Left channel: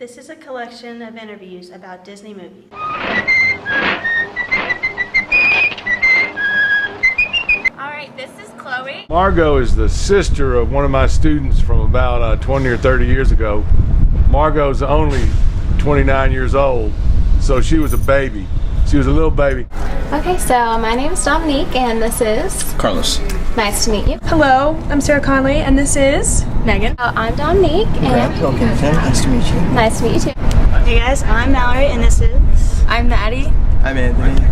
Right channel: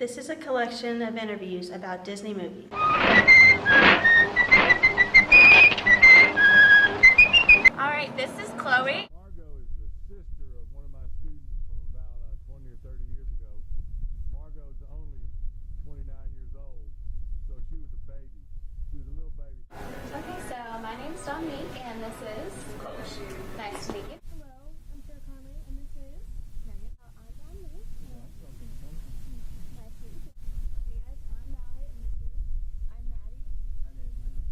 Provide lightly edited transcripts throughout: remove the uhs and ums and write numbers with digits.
This is a collection of interviews about Disney movies. Alright, this is Chloe. Margot is the sister of one of my students from about 20 or 30 years ago. Margot's only 29 years old, so she was a baby. She was a little baby. Okay, so my name is Dominique, and this is Carlos. Nice to meet you. Hello, I'm Sarah Conley, and this is Megan. I'm Dominique, and Welcome, Tim. Nice to meet you. nice to meet you too. Hey guys, I'm Mallory and this is... I'm Maddie. I'm Anthony.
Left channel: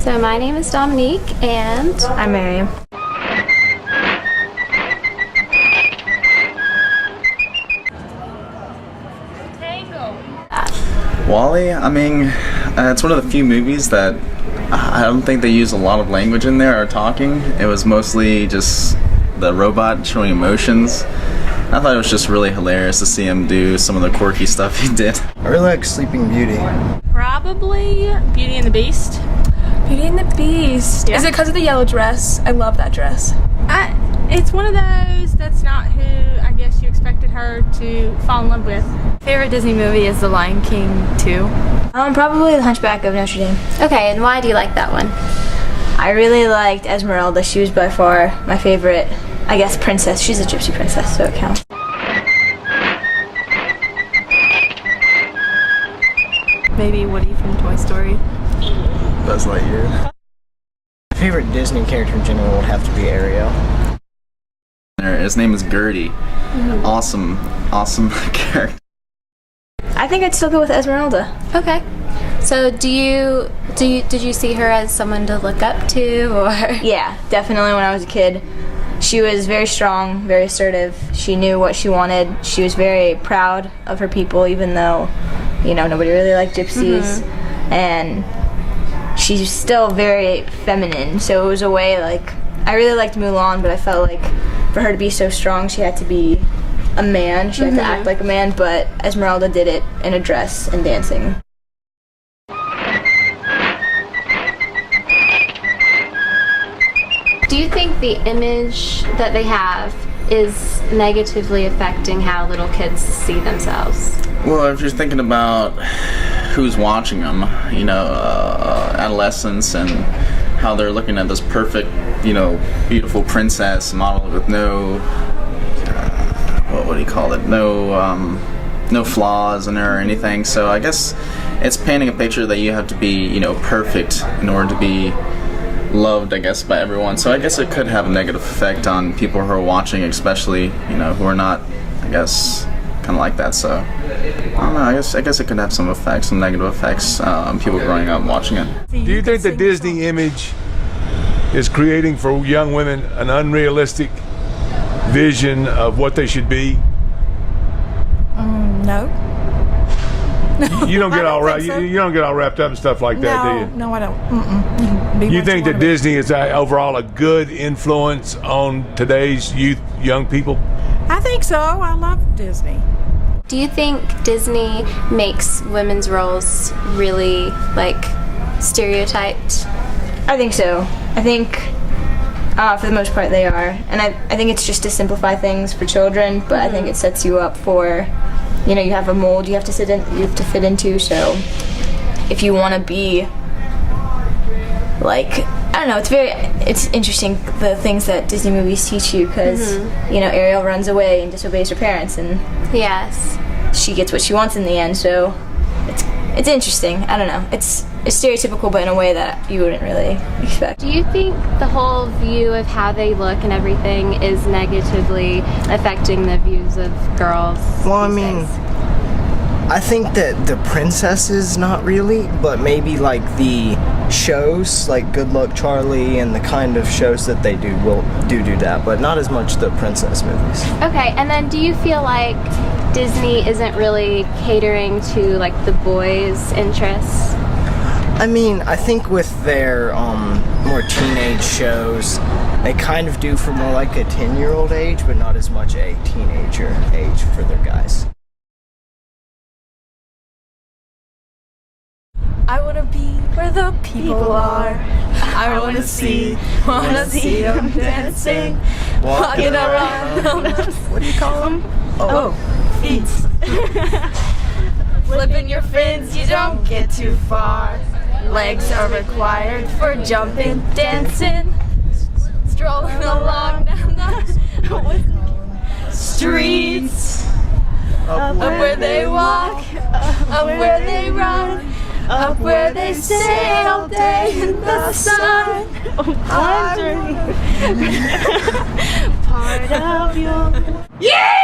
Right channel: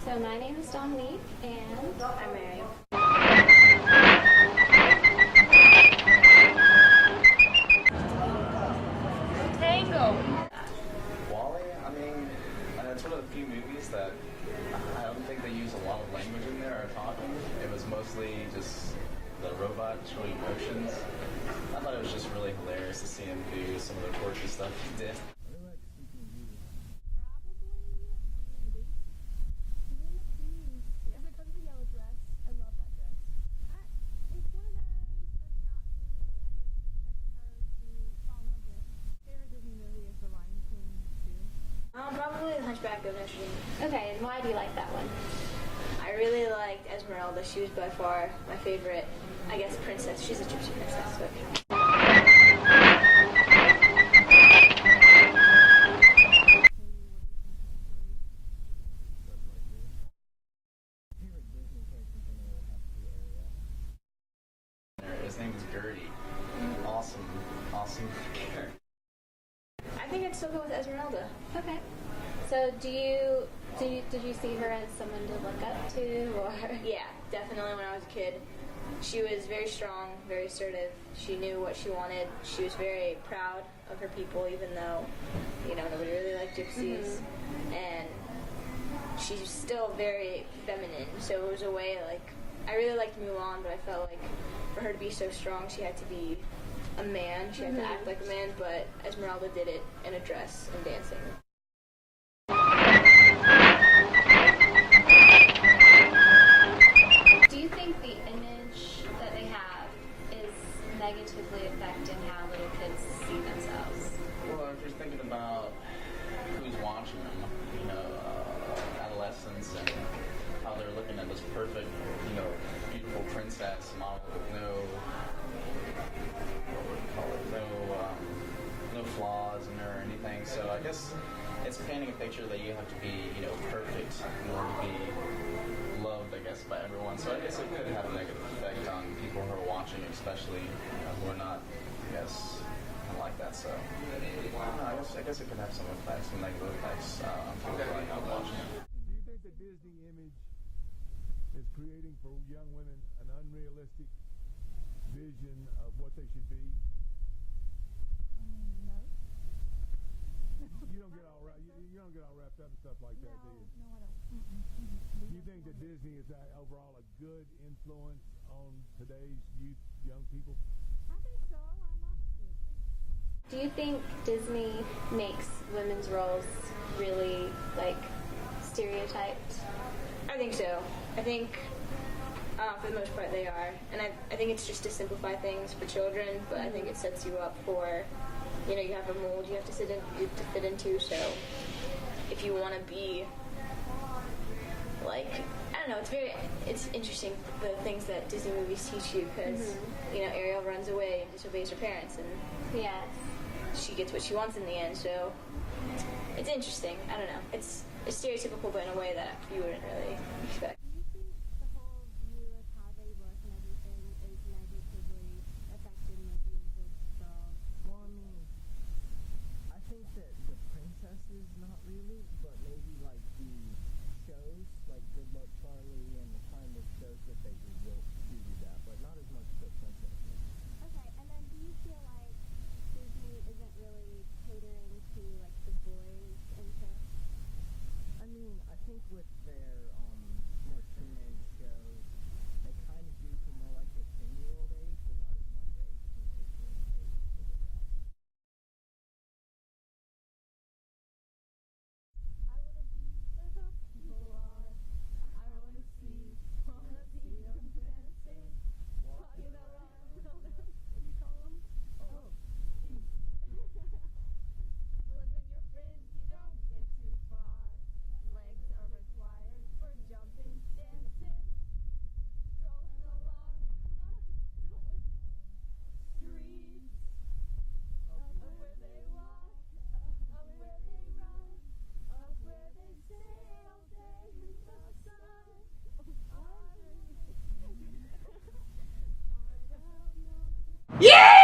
So my name is Dominique, and I'm Miriam. Wally, I mean, it's one of the few movies that I don't think they use a lot of language in there or talking. It was mostly just the robot showing emotions. I thought it was just really hilarious to see him do some of the quirky stuff he did. I really like Sleeping Beauty. Probably Beauty and the Beast. Beauty and the Beast. Yeah. Is it because of the yellow dress? I love that dress. It's one of those that's not who I guess you expected her to fall in love with. Favorite Disney movie is The Lion King 2. Probably The Hunchback of Notre Dame. okay, and why do you like that one? I really liked Esmeralda. She was by far my favorite, I guess, princess. She's a gypsy princess, so it counts. Maybe Woody from Toy Story. Buzz Lightyear. My favorite Disney character in general would have to be Ariel. His name is Gertie. Awesome character. I think I'd still go with Esmeralda. Okay. So did you see her as someone to look up to, or? Yeah, definitely when I was a kid. She was very strong, very assertive. She knew what she wanted. She was very proud of her people, even though, nobody really liked gypsies. And she's still very feminine, so it was a way, I really liked Mulan, but I felt like for her to be so strong, she had to be a man. She had to act like a man, but Esmeralda did it in a dress and dancing. Do you think the image that they have is negatively affecting how little kids see themselves? Well, if you're thinking about who's watching them, adolescents, and how they're looking at this perfect, beautiful princess model with no, what do you call it? No flaws in her or anything. So I guess it's painting a picture that you have to be, perfect in order to be loved, I guess, by everyone. So I guess it could have a negative effect on people who are watching, especially, who are not, I guess, kind of like that. So I don't know. I guess it could have some effects, some negative effects on people growing up watching it. Do you think the Disney image is creating for young women an unrealistic vision of what they should be? No. You don't get I all don't right. think so. You don't get all wrapped up in stuff like that, do you? No, I don't. Mm-mm. Be You what think wanna that be. Disney is overall a good influence on today's young people? I think so. I love Disney. Do you think Disney makes women's roles really, stereotyped? I think so. I think for the most part they are. And I think it's just to simplify things for children, but I think it sets you up for, you have a mold you have to fit into, so if you want to be I don't know, it's interesting the things that Disney movies teach you, because Ariel runs away and disobeys her parents, and Yes. she gets what she wants in the end, so it's interesting. I don't know, it's stereotypical, but in a way that you wouldn't really expect. Do you think the whole view of how they look and everything is negatively affecting the views of girls? Well, I these mean, days? I think that the princesses, not really, but maybe the shows, like Good Luck Charlie and the kind of shows that they do will do that, but not as much the princess movies. Okay, and then do you feel like Disney isn't really catering to the boys' interests? I mean, I think with their more teenage shows, they kind of do for more like a 10-year-old age, but not as much a teenager age for their guys. I want to be where the people are. I want to see them dancing, walking around. What do you call them? Oh, feet. Flipping your fins, you don't get too far. Legs are required for jumping, dancing, strolling along down the streets. Up where they walk, up where they run, up where they stay all day in the sun. I'm part of your Yeah!